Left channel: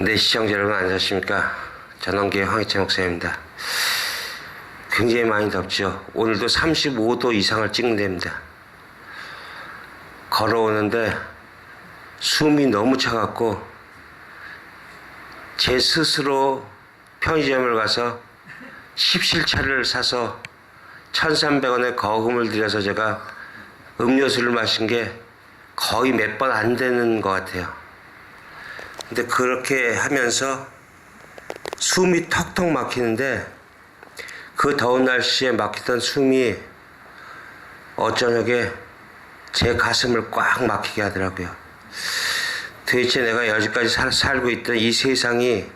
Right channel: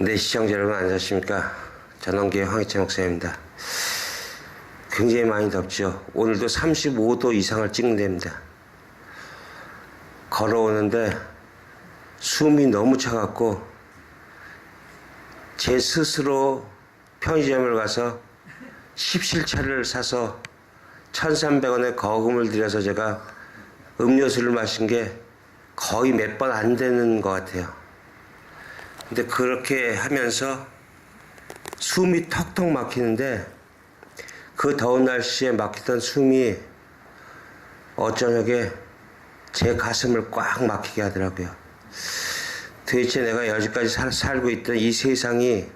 네, 시청자 여러분 안녕하십니까. 전원기의 황희찬 목사입니다. 굉장히 많이 덥죠. 오늘도 35도 이상을 찍는답니다. 걸어오는데 숨이 너무 차갑고 제 스스로 편의점을 가서 십실차를 사서 1,300원의 거금을 들여서 제가 음료수를 마신 게 거의 몇 번 안 되는 것 같아요. 근데 그렇게 하면서 숨이 턱턱 막히는데 그 더운 날씨에 막히던 숨이 어쩌녁에 제 가슴을 꽉 막히게 하더라고요. 도대체 내가 여지까지 살고 있던 이 세상이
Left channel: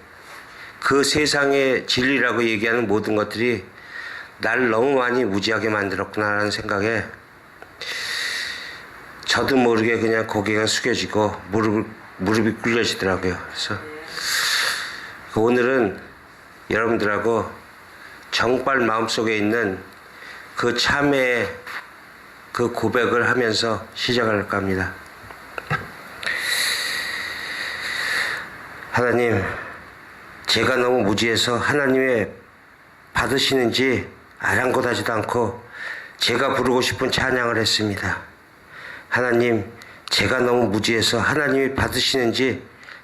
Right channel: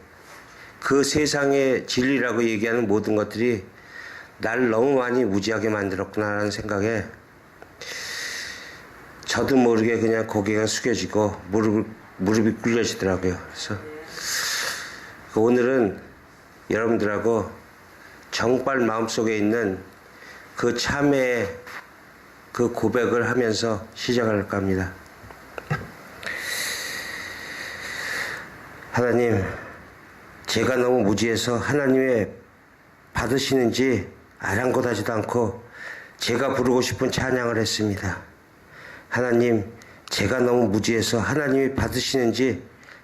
그 세상의 진리라고 얘기하는 모든 것들이 날 너무 많이 무지하게 만들었구나라는 생각에 저도 모르게 그냥 고개가 숙여지고 무릎이 꿇려지더라고요. 그래서 오늘은 여러분들하고 정말 마음속에 있는 그 참회의 그 고백을 하면서 시작할까 합니다. 하나님, 제가 너무 무지해서 하나님의 받으시는지 아랑곳하지도 않고 제가 부르고 싶은 찬양을 했습니다. 하나님, 제가 너무 무지해서 하나님이 받으시는지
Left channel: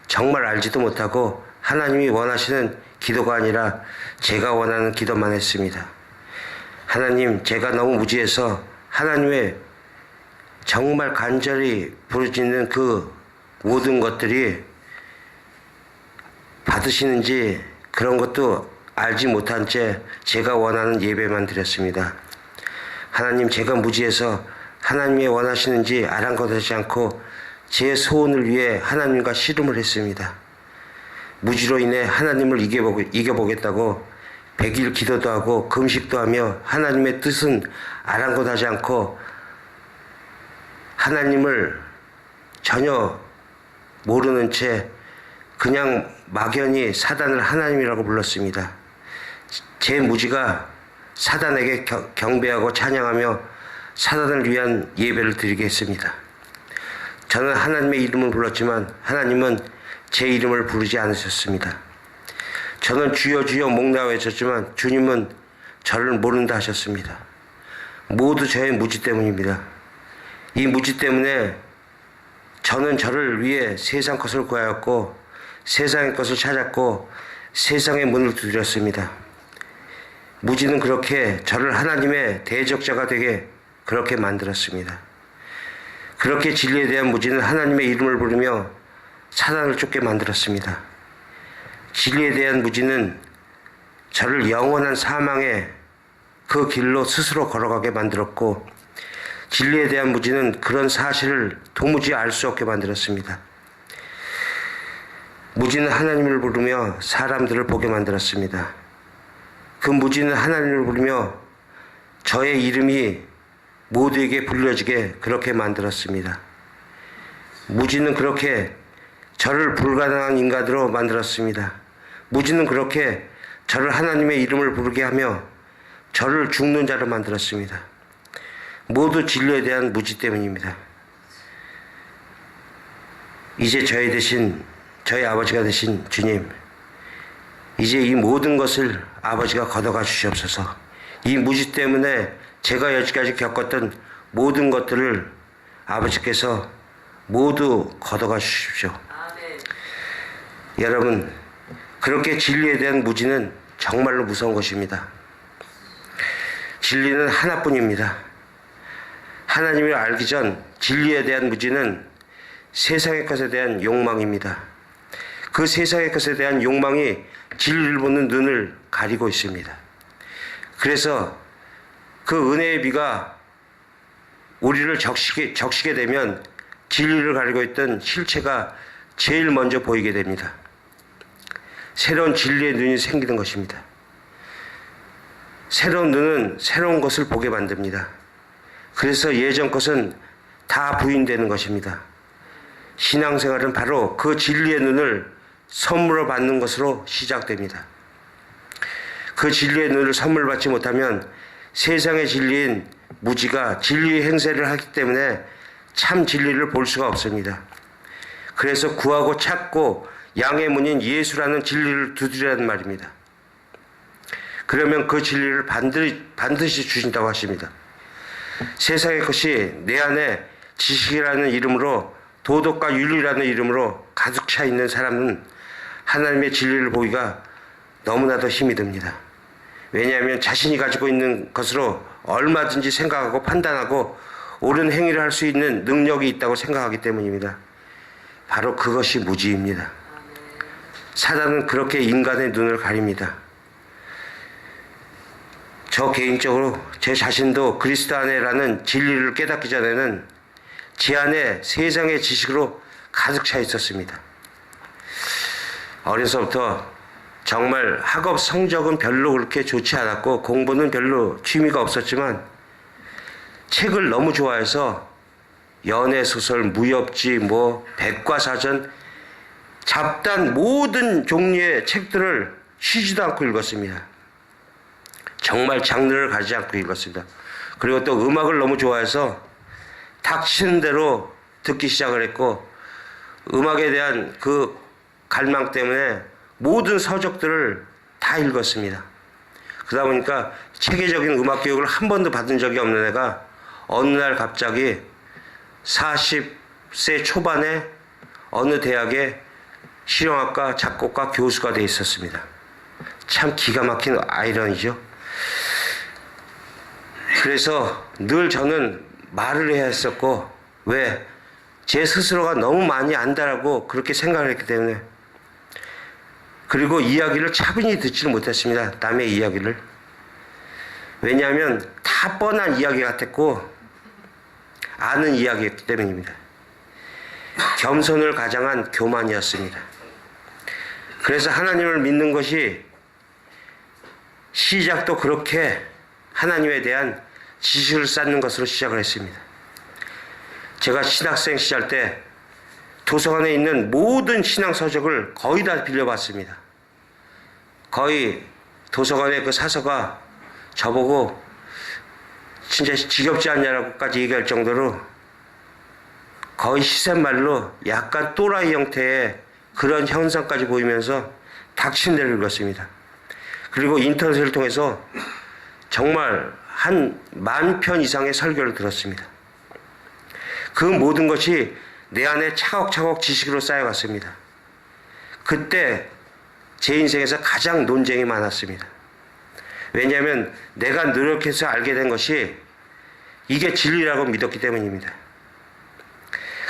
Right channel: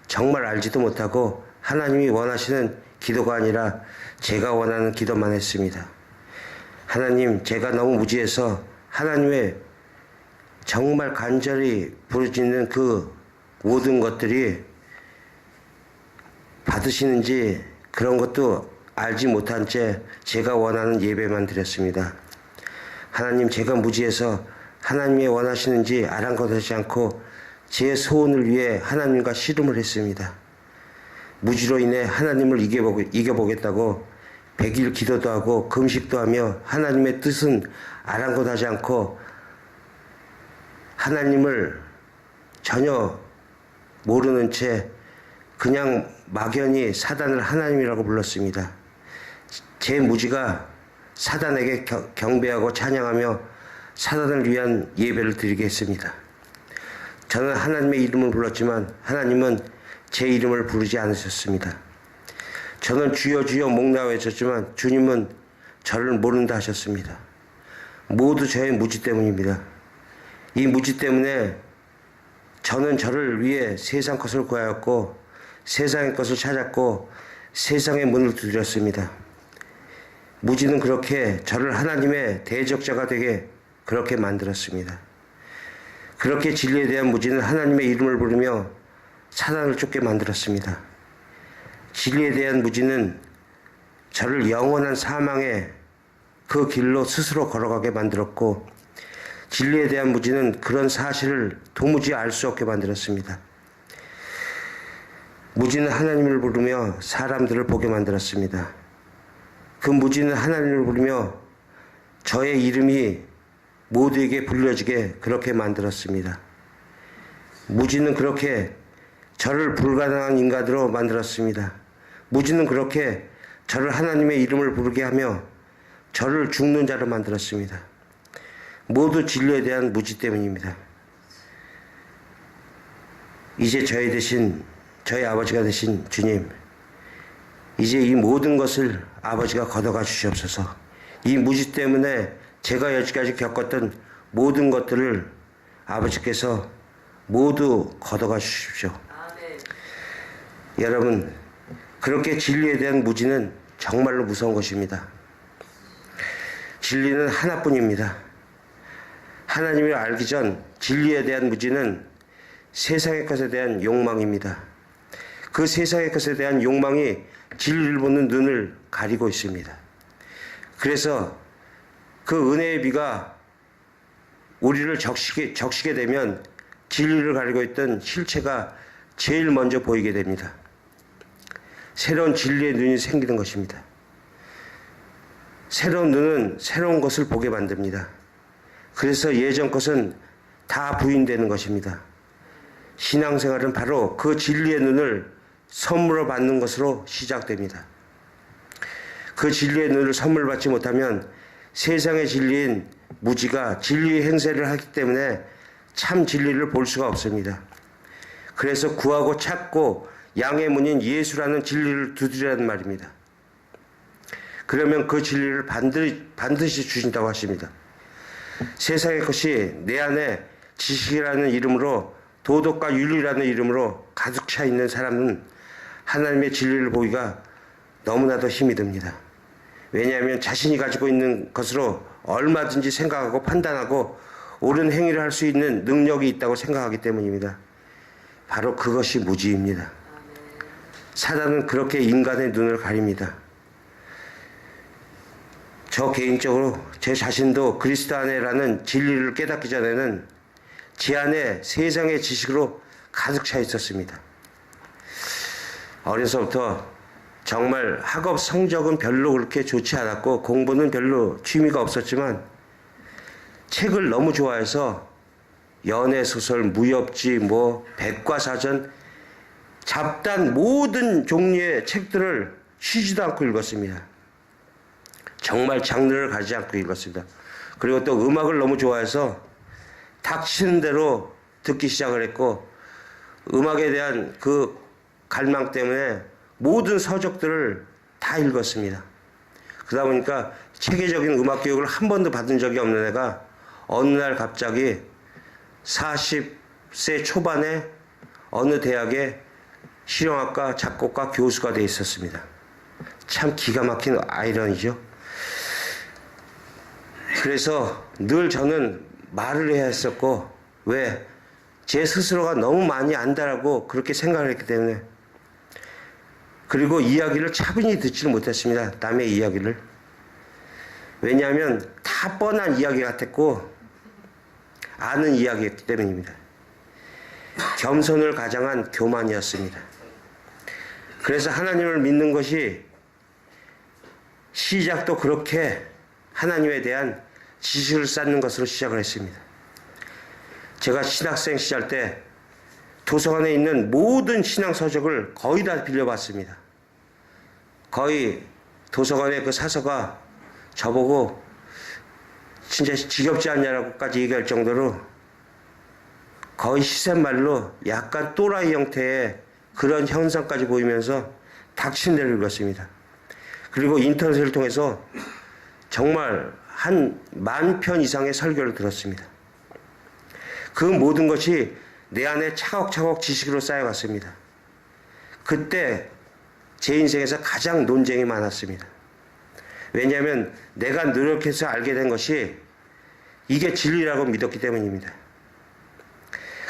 정말 알지도 못하고 하나님이 원하시는 기도가 아니라 제가 원하는 기도만 했습니다. 하나님, 제가 너무 무지해서 하나님의 정말 간절히 부르짖는 그 모든 것들이 받으시는지 그런 것도 알지 못한 채 제가 원하는 예배만 드렸습니다. 하나님, 제가 무지해서 하나님이 원하시는지 아랑곳하지 않고 제 소원을 위해 하나님과 씨름을 했습니다. 무지로 인해 하나님을 이겨보겠다고 100일 기도도 하고 금식도 하며 하나님의 뜻은 아랑곳하지 않고 하나님을 전혀 모르는 채 그냥 막연히 사단을 하나님이라고 불렀습니다. 제 무지가 사단에게 경배하고 찬양하며 사단을 위한 예배를 드리게 했습니다. 저는 하나님의 이름을 불렀지만 하나님은 제 이름을 부르지 않으셨습니다. 저는 주여 주여 목나와 외쳤지만 주님은 저를 모른다 하셨습니다. 모두 저의 무지 때문입니다. 이 무지 때문에 저는 저를 위해 세상 것을 구하였고 세상의 것을 찾았고 세상의 문을 두드렸습니다. 무지는 그렇게 저를 하나님의 대적자가 되게 그렇게 만들었습니다. 그렇게 진리에 대한 무지는 하나님의 이름을 부르며 사단을 쫓게 만들었습니다. 진리에 대한 무지는 저를 영원한 사망의 그 길로 스스로 걸어가게 만들었고 진리에 대한 무지는 그런 사실을 도무지 알 수 없게 만들었습니다. 무지는 하나님을 부르며 사람들을 보게 만들었습니다. 그 무지는 하나님을 부르며 저의 이름이 모두에게 불려지게 그렇게 만들었습니다. 무지는 그렇게 저를 불가능한 인간으로 만들었습니다. 무지는 그렇게 저를 하나님의 이름을 부르게 하며 저를 죽는 자로 만들었습니다. 모두 진리에 대한 무지 때문입니다. 이제 저희 아버지가 되신 주님, 이제 이 모든 것을 아버지가 걷어가 주시옵소서. 이 무지 때문에 제가 여지까지 겪었던 모든 것들을 아버지께서 모두 걷어가 주십시오. 여러분, 그렇게 진리에 대한 무지는 정말로 무서운 것입니다. 진리는 하나뿐입니다. 하나님을 알기 전 진리에 대한 무지는 세상의 것에 대한 욕망입니다. 그 세상의 것에 대한 욕망이 진리를 보는 눈을 가리고 있습니다. 그래서 그 은혜의 비가 우리를 적시게 되면 진리를 가리고 있던 실체가 제일 먼저 보이게 됩니다. 새로운 진리의 눈이 생기는 것입니다. 새로운 눈은 새로운 것을 보게 만듭니다. 그래서 예전 것은 다 부인되는 것입니다. 신앙생활은 바로 그 진리의 눈을 선물로 받는 것으로 시작됩니다. 그 진리의 눈을 선물 받지 못하면 세상의 진리인 무지가 진리의 행세를 하기 때문에 참 진리를 볼 수가 없습니다. 그래서 구하고 찾고 양의 문인 예수라는 진리를 두드리라는 말입니다. 그러면 그 진리를 반드시 주신다고 하십니다. 세상의 것이 내 안에 지식이라는 이름으로, 도덕과 윤리라는 이름으로 가득 차 있는 사람은 하나님의 진리를 보기가 너무나도 힘이 듭니다. 왜냐하면 자신이 가지고 있는 것으로 얼마든지 생각하고 판단하고 옳은 행위를 할 수 있는 능력이 있다고 생각하기 때문입니다. 바로 그것이 무지입니다. 사단은 그렇게 인간의 눈을 가립니다. 저 개인적으로 제 자신도 그리스도 안에라는 진리를 깨닫기 전에는 제 안에 세상의 지식으로 가득 차 있었습니다. 어려서부터 정말 학업 성적은 별로 그렇게 좋지 않았고 공부는 별로 취미가 없었지만 책을 너무 좋아해서 연애소설, 무협지, 백과사전, 잡단 모든 종류의 책들을 쉬지도 않고 읽었습니다. 정말 장르를 가지 않고 읽었습니다. 그리고 또 음악을 너무 좋아해서 닥치는 대로 듣기 시작을 했고 음악에 대한 그 갈망 때문에 모든 서적들을 다 읽었습니다. 그러다 보니까 체계적인 음악 교육을 한 번도 받은 적이 없는 애가 어느 날 갑자기 40세 초반에 어느 대학의 실용악과 작곡가 교수가 돼 있었습니다. 참 기가 막힌 아이러니죠. 그래서 늘 저는 말을 해야 했었고, 왜? 제 스스로가 너무 많이 안다라고 그렇게 생각을 했기 때문에. 그리고 이야기를 차분히 듣지를 못했습니다. 남의 이야기를. 왜냐하면 다 뻔한 이야기 같았고 아는 이야기였기 때문입니다. 겸손을 가장한 교만이었습니다. 그래서 하나님을 믿는 것이 시작도 그렇게 하나님에 대한 지식을 쌓는 것으로 시작을 했습니다. 제가 신학생 시절 때 도서관에 있는 모든 신앙 서적을 거의 다 빌려봤습니다. 거의 도서관의 그 사서가 저보고 진짜 지겹지 않냐라고까지 얘기할 정도로 거의 시샘말로 약간 또라이 형태의 그런 현상까지 보이면서 닥친 대로 읽었습니다. 그리고 인터넷을 통해서 정말 한 10,000편 이상의 설교를 들었습니다. 그 모든 것이 내 안에 차곡차곡 지식으로 쌓여갔습니다. 그때 제 인생에서 가장 논쟁이 많았습니다. 왜냐하면 내가 노력해서 알게 된 것이 이게 진리라고 믿었기 때문입니다.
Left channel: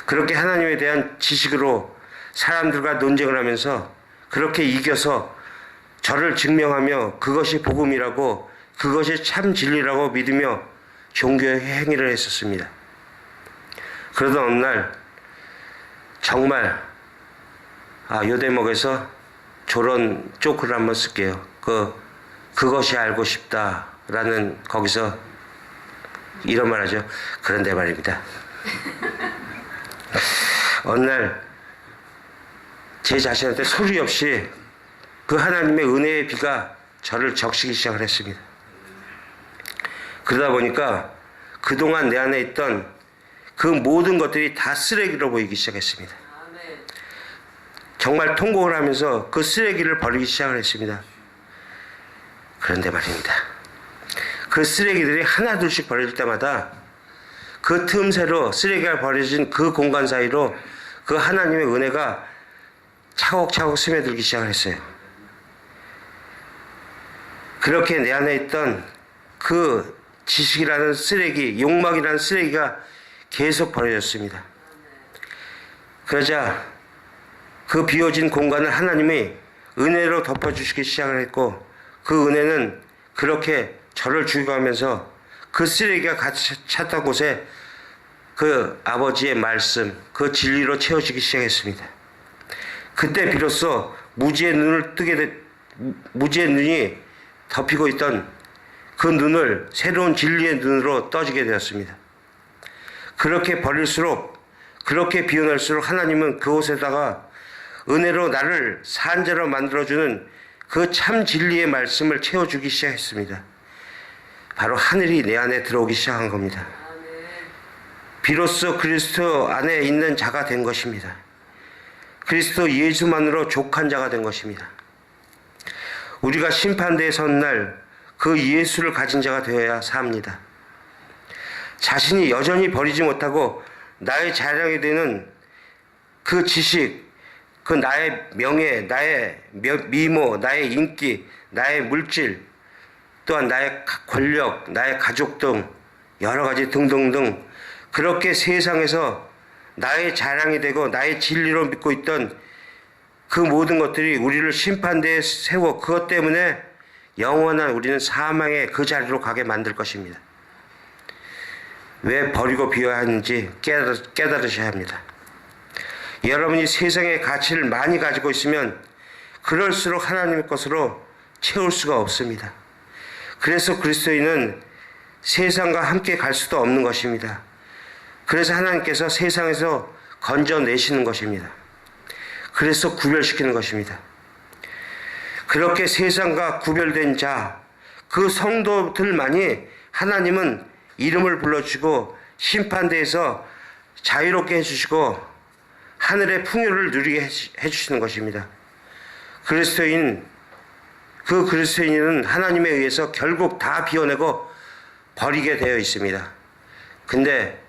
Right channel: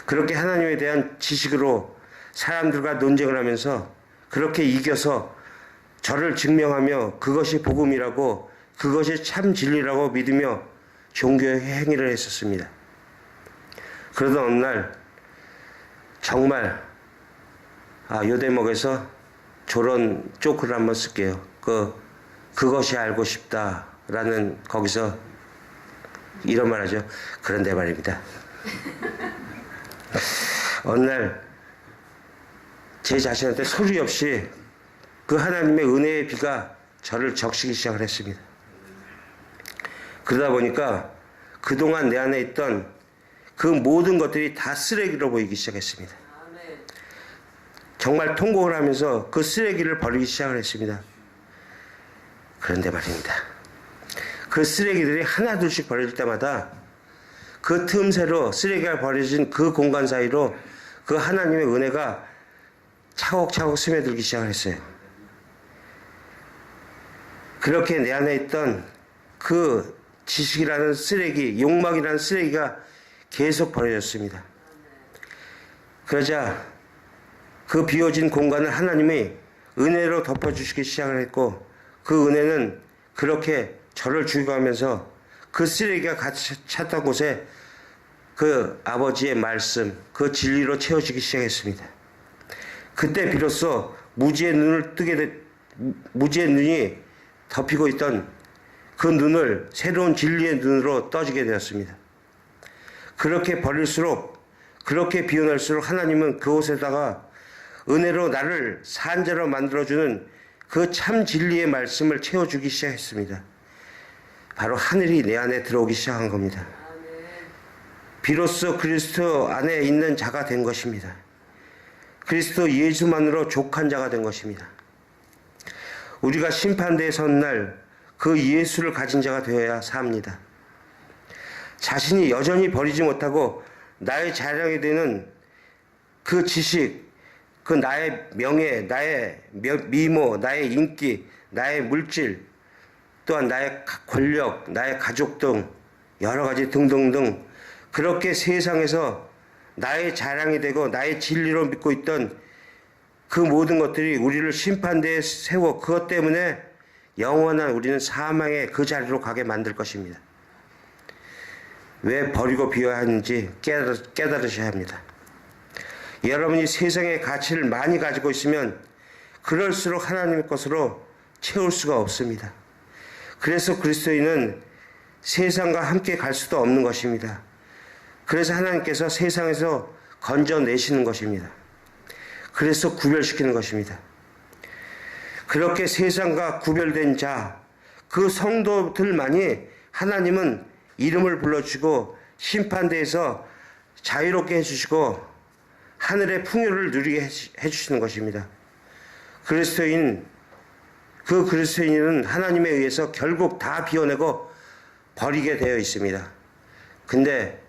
그렇게 하나님에 대한 지식으로 사람들과 논쟁을 하면서 그렇게 이겨서 저를 증명하며 그것이 복음이라고, 그것이 참 진리라고 믿으며 종교의 행위를 했었습니다. 그러던 어느 날 정말 요 대목에서 저런 조크를 한번 쓸게요. 그것이 알고 싶다라는 거기서 이런 말 하죠. 그런데 말입니다. 어느 날 제 자신한테 소리 없이 그 하나님의 은혜의 비가 저를 적시기 시작을 했습니다. 그러다 보니까 그동안 내 안에 있던 그 모든 것들이 다 쓰레기로 보이기 시작했습니다. 정말 통곡을 하면서 그 쓰레기를 버리기 시작을 했습니다. 그런데 말입니다. 그 쓰레기들이 하나둘씩 버려질 때마다 그 틈새로 쓰레기가 버려진 그 공간 사이로 그 하나님의 은혜가 차곡차곡 스며들기 시작을 했어요. 그렇게 내 안에 있던 그 지식이라는 쓰레기, 욕망이라는 쓰레기가 계속 버려졌습니다. 그러자 그 비워진 공간을 하나님이 은혜로 덮어주시기 시작을 했고, 그 은혜는 그렇게 저를 죽여가면서 그 쓰레기가 같이 찼던 곳에 그 아버지의 말씀, 그 진리로 채워지기 시작했습니다. 그때 비로소 무지의 눈이 덮이고 있던 그 눈을 새로운 진리의 눈으로 떠지게 되었습니다. 그렇게 버릴수록, 그렇게 비워낼수록 하나님은 그곳에다가 은혜로 나를 산자로 만들어주는 그 참 진리의 말씀을 채워주기 시작했습니다. 바로 하늘이 내 안에 들어오기 시작한 겁니다. 비로소 그리스도 안에 있는 자가 된 것입니다. 그리스도 예수만으로 족한 자가 된 것입니다. 우리가 심판대에 선 날 그 예수를 가진 자가 되어야 삽니다. 자신이 여전히 버리지 못하고 나의 자랑이 되는 그 지식, 그 나의 명예, 나의 미모, 나의 인기, 나의 물질, 또한 나의 권력, 나의 가족 등 여러 가지 등등등 그렇게 세상에서 나의 자랑이 되고 나의 진리로 믿고 있던 그 모든 것들이 우리를 심판대에 세워 그것 때문에 영원한 우리는 사망의 그 자리로 가게 만들 것입니다. 왜 버리고 비워야 하는지 깨달으셔야 합니다. 여러분이 세상의 가치를 많이 가지고 있으면 그럴수록 하나님의 것으로 채울 수가 없습니다. 그래서 그리스도인은 세상과 함께 갈 수도 없는 것입니다. 그래서 하나님께서 세상에서 건져내시는 것입니다. 그래서 구별시키는 것입니다. 그렇게 세상과 구별된 자, 그 성도들만이 하나님은 이름을 불러주시고 심판대에서 자유롭게 해주시고 하늘의 풍요를 누리게 해주시는 것입니다. 그리스도인은 하나님에 의해서 결국 다 비워내고 버리게 되어 있습니다. 근데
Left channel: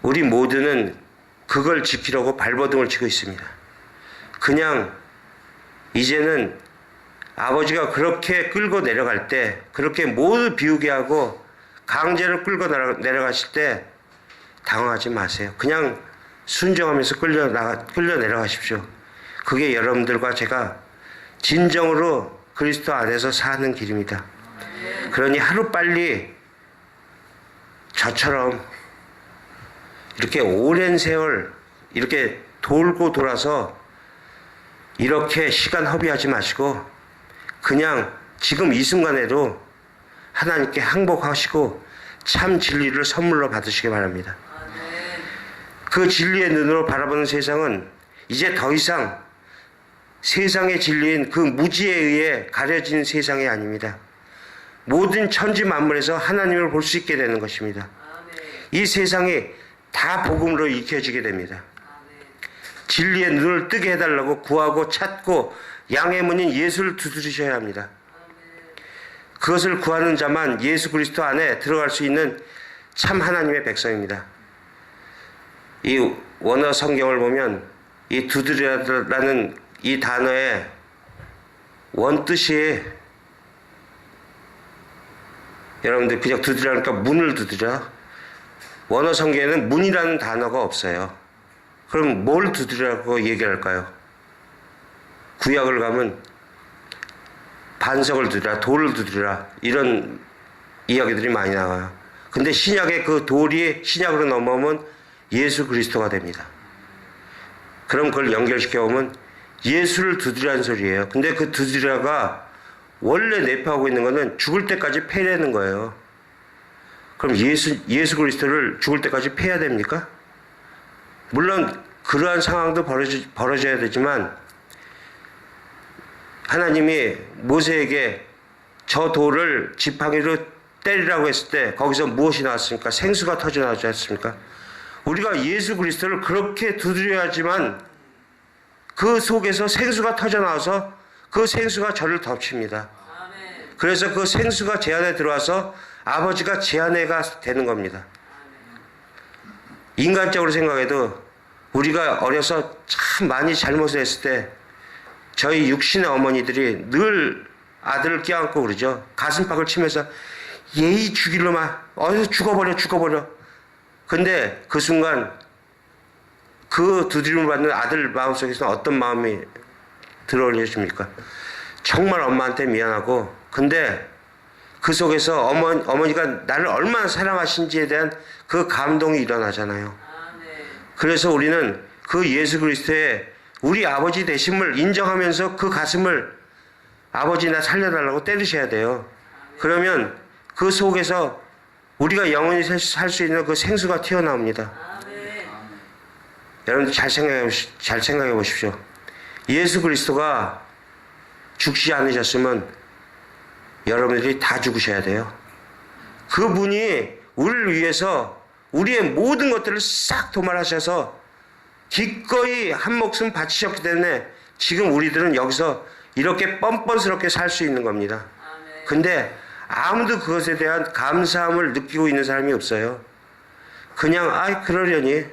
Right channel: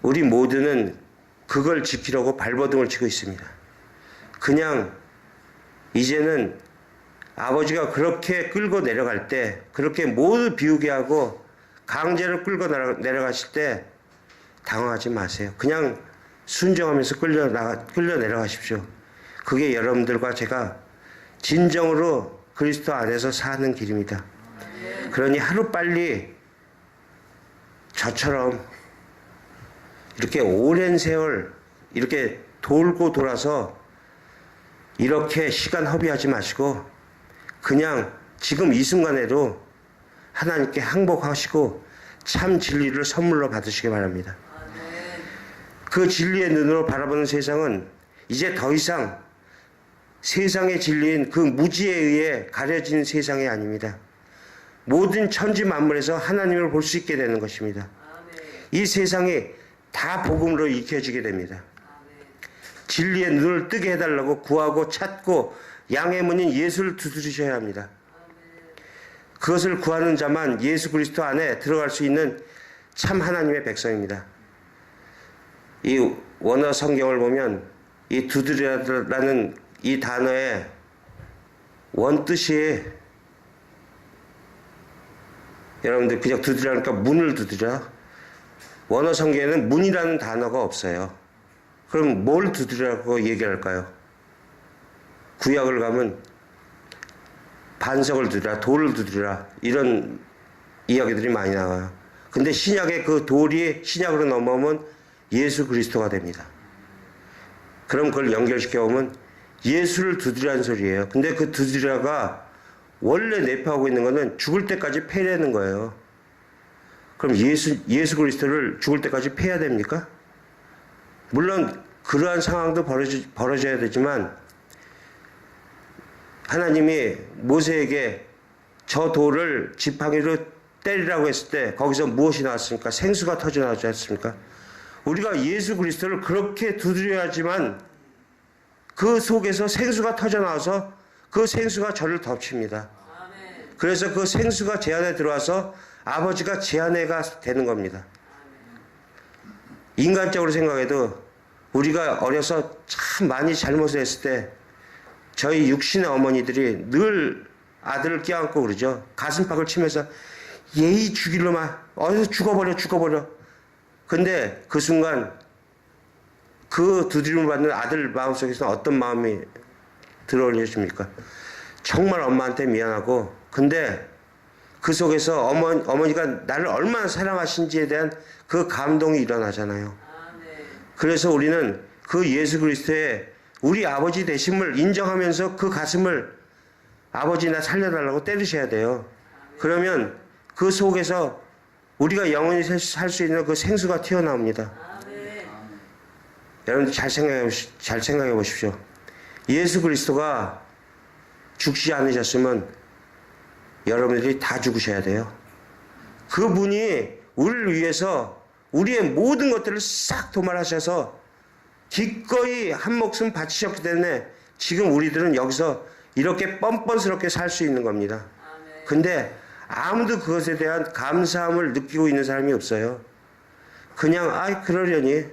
우리 모두는 그걸 지키려고 발버둥을 치고 있습니다. 그냥 이제는 아버지가 그렇게 끌고 내려갈 때, 그렇게 모두 비우게 하고 강제로 끌고 내려가실 때 당황하지 마세요. 그냥 순종하면서 끌려 내려가십시오. 그게 여러분들과 제가 진정으로 그리스도 안에서 사는 길입니다. 그러니 하루빨리 저처럼 이렇게 오랜 세월 이렇게 돌고 돌아서 이렇게 시간 허비하지 마시고 그냥 지금 이 순간에도 하나님께 항복하시고 참 진리를 선물로 받으시기 바랍니다. 그 진리의 눈으로 바라보는 세상은 이제 더 이상 세상의 진리인 그 무지에 의해 가려진 세상이 아닙니다. 모든 천지 만물에서 하나님을 볼 수 있게 되는 것입니다. 이 세상이 다 복음으로 익혀지게 됩니다. 진리의 눈을 뜨게 해달라고 구하고 찾고 양의 문인 예수를 두드리셔야 합니다. 그것을 구하는 자만 예수 그리스도 안에 들어갈 수 있는 참 하나님의 백성입니다. 이 원어 성경을 보면 이 두드리라는 이 단어의 원뜻이 여러분들 그냥 두드리라니까 문을 두드려. 원어 성경에는 문이라는 단어가 없어요. 그럼 뭘 두드리라고 얘기할까요? 구약을 가면 반석을 두드리라, 돌을 두드리라 이런 이야기들이 많이 나와요. 근데 신약의 그 돌이 신약으로 넘어오면 예수 그리스도가 됩니다. 그럼 그걸 연결시켜보면 예수를 두드리라는 소리예요. 근데 그 두드리라가 원래 내포하고 있는 거는 죽을 때까지 패라는 거예요. 그럼 예수 그리스도를 죽을 때까지 패야 됩니까? 물론 그러한 상황도 벌어져야 되지만 하나님이 모세에게 저 돌을 지팡이로 때리라고 했을 때 거기서 무엇이 나왔습니까? 생수가 터져나오지 않습니까? 우리가 예수 그리스도를 그렇게 두드려야지만 그 속에서 생수가 터져나와서 그 생수가 저를 덮칩니다. 그래서 그 생수가 제 안에 들어와서 아버지가 제 안에가 되는 겁니다. 인간적으로 생각해도 우리가 어려서 참 많이 잘못을 했을 때 저희 육신의 어머니들이 늘 아들을 껴안고 그러죠. 가슴팍을 치면서 예의 죽일로만 어디서 죽어버려. 근데 그 순간 그 두드림을 받는 아들 마음속에서 어떤 마음이 들어올려줍니까? 정말 엄마한테 미안하고 근데 그 속에서 어머니가 나를 얼마나 사랑하신지에 대한 그 감동이 일어나잖아요. 그래서 우리는 그 예수 그리스도의 우리 아버지 되심을 인정하면서 그 가슴을 아버지 나 살려달라고 때리셔야 돼요. 그러면 그 속에서 우리가 영원히 살 수 있는 그 생수가 튀어나옵니다. 여러분 잘 생각해 보십시오. 예수 그리스도가 죽지 않으셨으면 여러분들이 다 죽으셔야 돼요. 그분이 우리를 위해서 우리의 모든 것들을 싹 도말하셔서 기꺼이 한 목숨 바치셨기 때문에 지금 우리들은 여기서 이렇게 뻔뻔스럽게 살 수 있는 겁니다. 근데 아무도 그것에 대한 감사함을 느끼고 있는 사람이 없어요. 그냥 아이 그러려니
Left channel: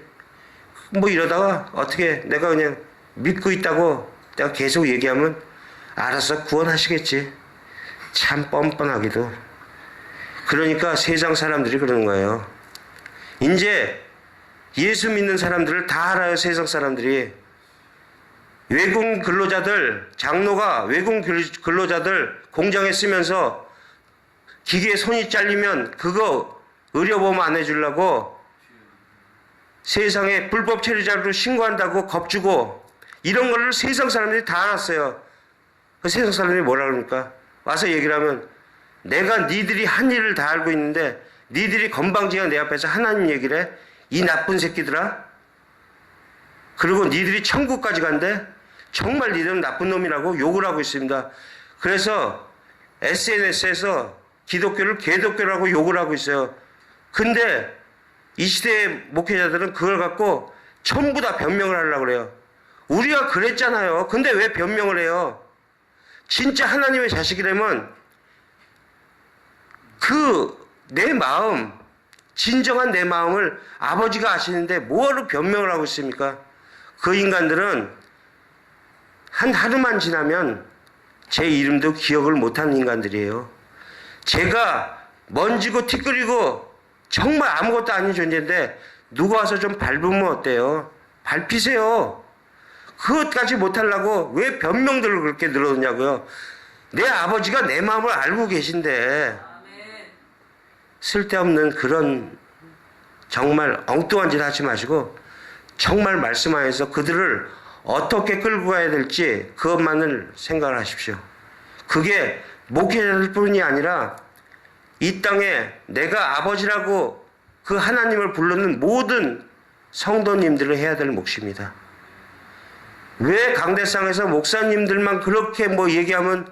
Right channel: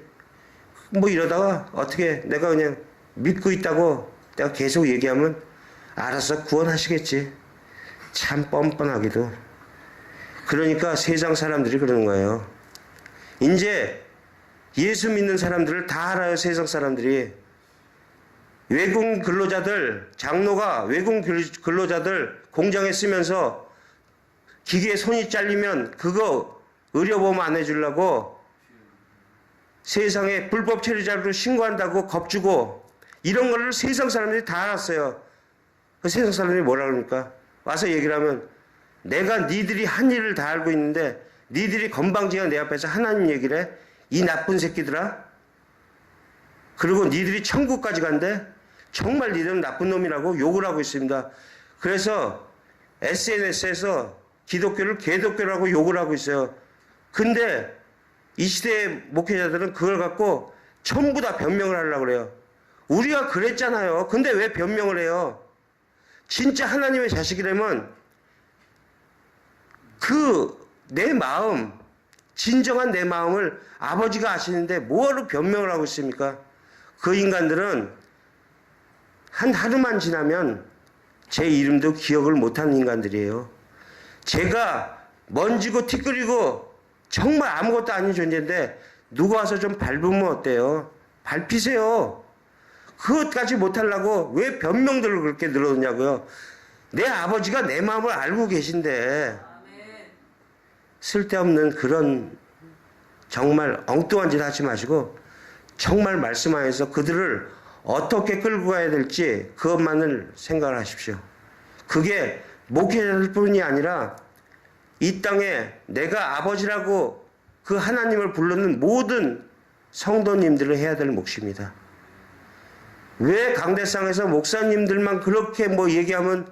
뭐 이러다가 어떻게 내가 그냥 믿고 있다고 내가 계속 얘기하면 알아서 구원하시겠지. 참 뻔뻔하기도. 그러니까 세상 사람들이 그러는 거예요. 이제 예수 믿는 사람들을 다 알아요. 세상 사람들이. 외국 근로자들, 장로가 외국 근로자들 공장에 쓰면서 기계에 손이 잘리면 그거 의료보험 안 해주려고 세상에 불법 체류자로 신고한다고 겁주고 이런 거를 세상 사람들이 다 알았어요. 그 세상 사람들이 뭐라 그럽니까? 와서 얘기를 하면 내가 니들이 한 일을 다 알고 있는데 니들이 건방지게 내 앞에서 하나님 얘기를 해? 이 나쁜 새끼들아? 그리고 니들이 천국까지 간대? 정말 니들은 나쁜 놈이라고 욕을 하고 있습니다. 그래서 SNS에서 기독교를 개독교라고 욕을 하고 있어요. 근데 이 시대의 목회자들은 그걸 갖고 전부 다 변명을 하려고 그래요. 우리가 그랬잖아요. 근데 왜 변명을 해요? 진짜 하나님의 자식이라면 내 마음, 진정한 내 마음을 아버지가 아시는데 뭐하러 변명을 하고 있습니까? 그 인간들은 한 하루만 지나면 제 이름도 기억을 못하는 인간들이에요. 제가 먼지고 티끌이고 정말 아무것도 아닌 존재인데 누가 와서 좀 밟으면 어때요? 밟히세요. 그것까지 못하려고 왜 변명들을 그렇게 늘어놓냐고요. 내 아버지가 내 마음을 알고 계신데 쓸데없는 그런 정말 엉뚱한 짓 하지 마시고 정말 말씀하여서 그들을 어떻게 끌고 가야 될지 그것만을 생각을 하십시오. 그게 목회자들 뿐이 아니라 이 땅에 내가 아버지라고 그 하나님을 부르는 모든 성도님들을 해야 될 몫입니다. 왜 강대상에서 목사님들만 그렇게 뭐 얘기하면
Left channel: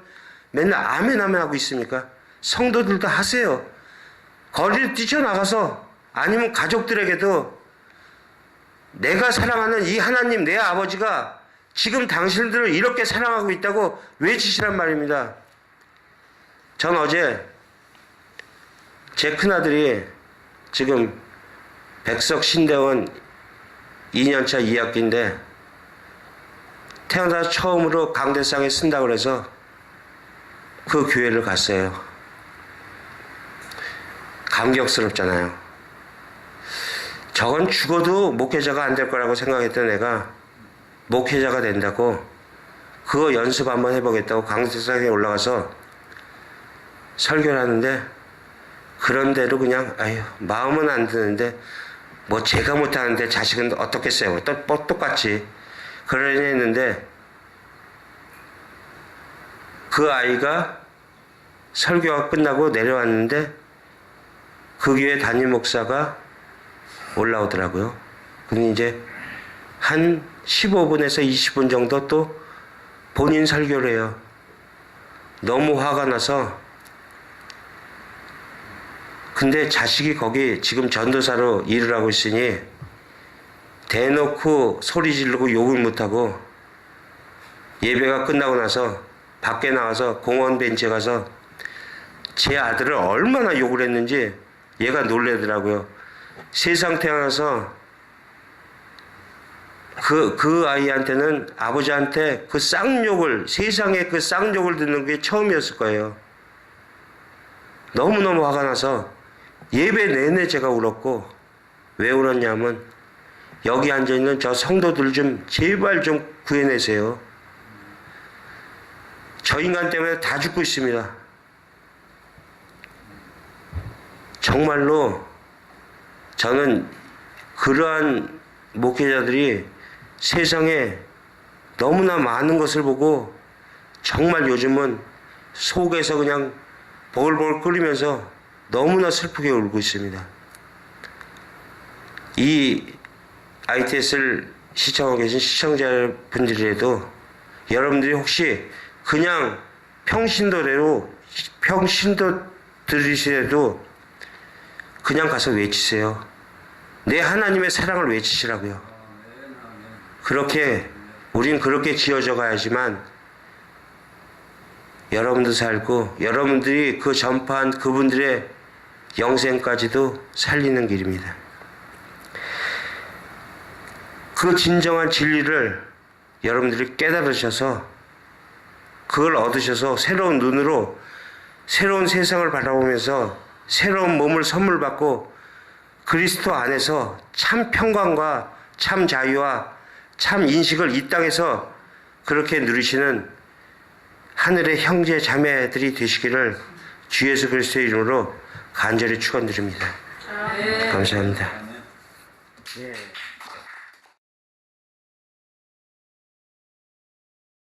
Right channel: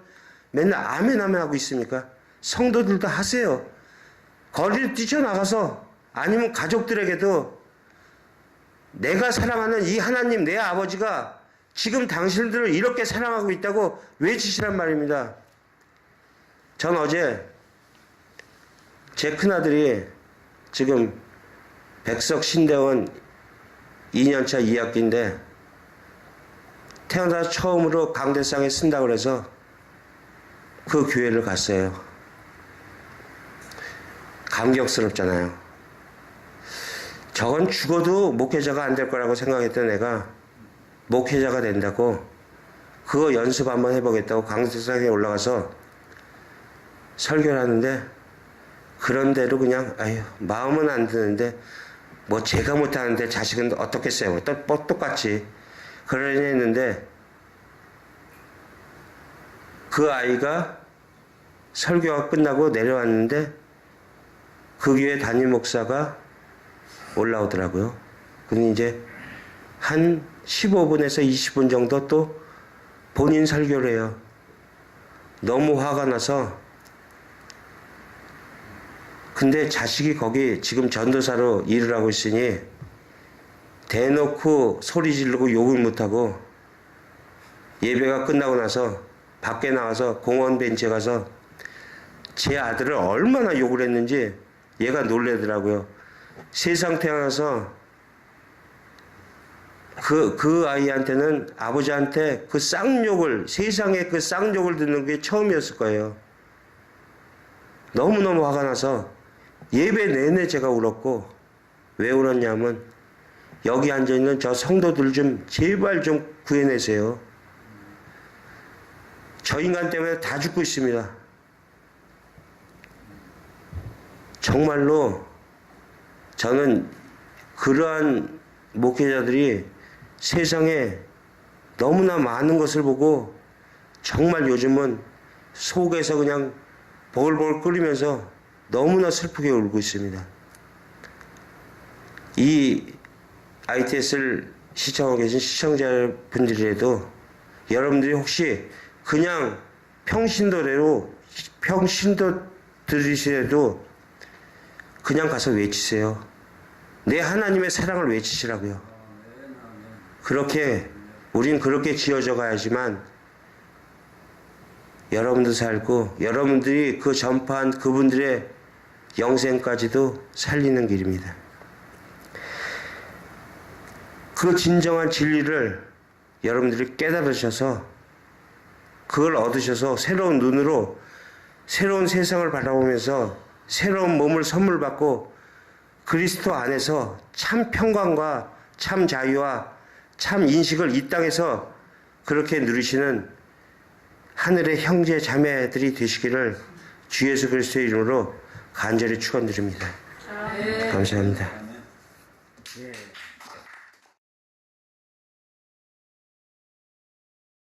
맨날 아멘 아멘 하고 있습니까? 성도들도 하세요. 거리를 뛰쳐나가서 아니면 가족들에게도 내가 사랑하는 이 하나님 내 아버지가 지금 당신들을 이렇게 사랑하고 있다고 외치시란 말입니다. 전 어제 제 큰아들이 지금 백석 신대원 2년차 2학기인데 태어나서 처음으로 강대상에 쓴다고 그래서 그 교회를 갔어요. 감격스럽잖아요. 저건 죽어도 목회자가 안 될 거라고 생각했던 애가 목회자가 된다고 그거 연습 한번 해보겠다고 강대상에 올라가서 설교를 하는데 그런대로 그냥 아유 마음은 안 드는데 뭐 제가 못하는데 자식은 어떻겠어요. 똑같이 그러려 했는데 그 아이가 설교가 끝나고 내려왔는데 그 교회 담임 목사가 올라오더라고요. 근데 이제 한 15분에서 20분 정도 또 본인 설교를 해요. 너무 화가 나서 근데 자식이 거기 지금 전도사로 일을 하고 있으니 대놓고 소리 지르고 욕을 못하고 예배가 끝나고 나서 밖에 나와서 공원 벤치에 가서 제 아들을 얼마나 욕을 했는지 얘가 놀래더라고요. 세상 태어나서 그 아이한테는 아버지한테 그 쌍욕을 세상에 그 쌍욕을 듣는 게 처음이었을 거예요. 너무너무 화가 나서 예배 내내 제가 울었고 왜 울었냐면 여기 앉아있는 저 성도들 좀 제발 좀 구해내세요. 저 인간 때문에 다 죽고 있습니다. 정말로 저는 그러한 목회자들이 세상에 너무나 많은 것을 보고 정말 요즘은 속에서 그냥 보글보글 끓이면서 너무나 슬프게 울고 있습니다. 이 ITS를 시청하고 계신 시청자분들이라도 여러분들이 혹시 그냥 평신도 들으시라도 그냥 가서 외치세요. 내 하나님의 사랑을 외치시라고요. 우린 그렇게 지어져 가야지만 여러분도 살고 여러분들이 그 전파한 그분들의 영생까지도 살리는 길입니다. 그 진정한 진리를 여러분들이 깨달으셔서 그걸 얻으셔서 새로운 눈으로 새로운 세상을 바라보면서 새로운 몸을 선물 받고 그리스도 안에서 참 평강과 참 자유와 참 인식을 이 땅에서 그렇게 누리시는 하늘의 형제 자매들이 되시기를 주 예수 그리스도의 이름으로 간절히 축원드립니다. 감사합니다. 예.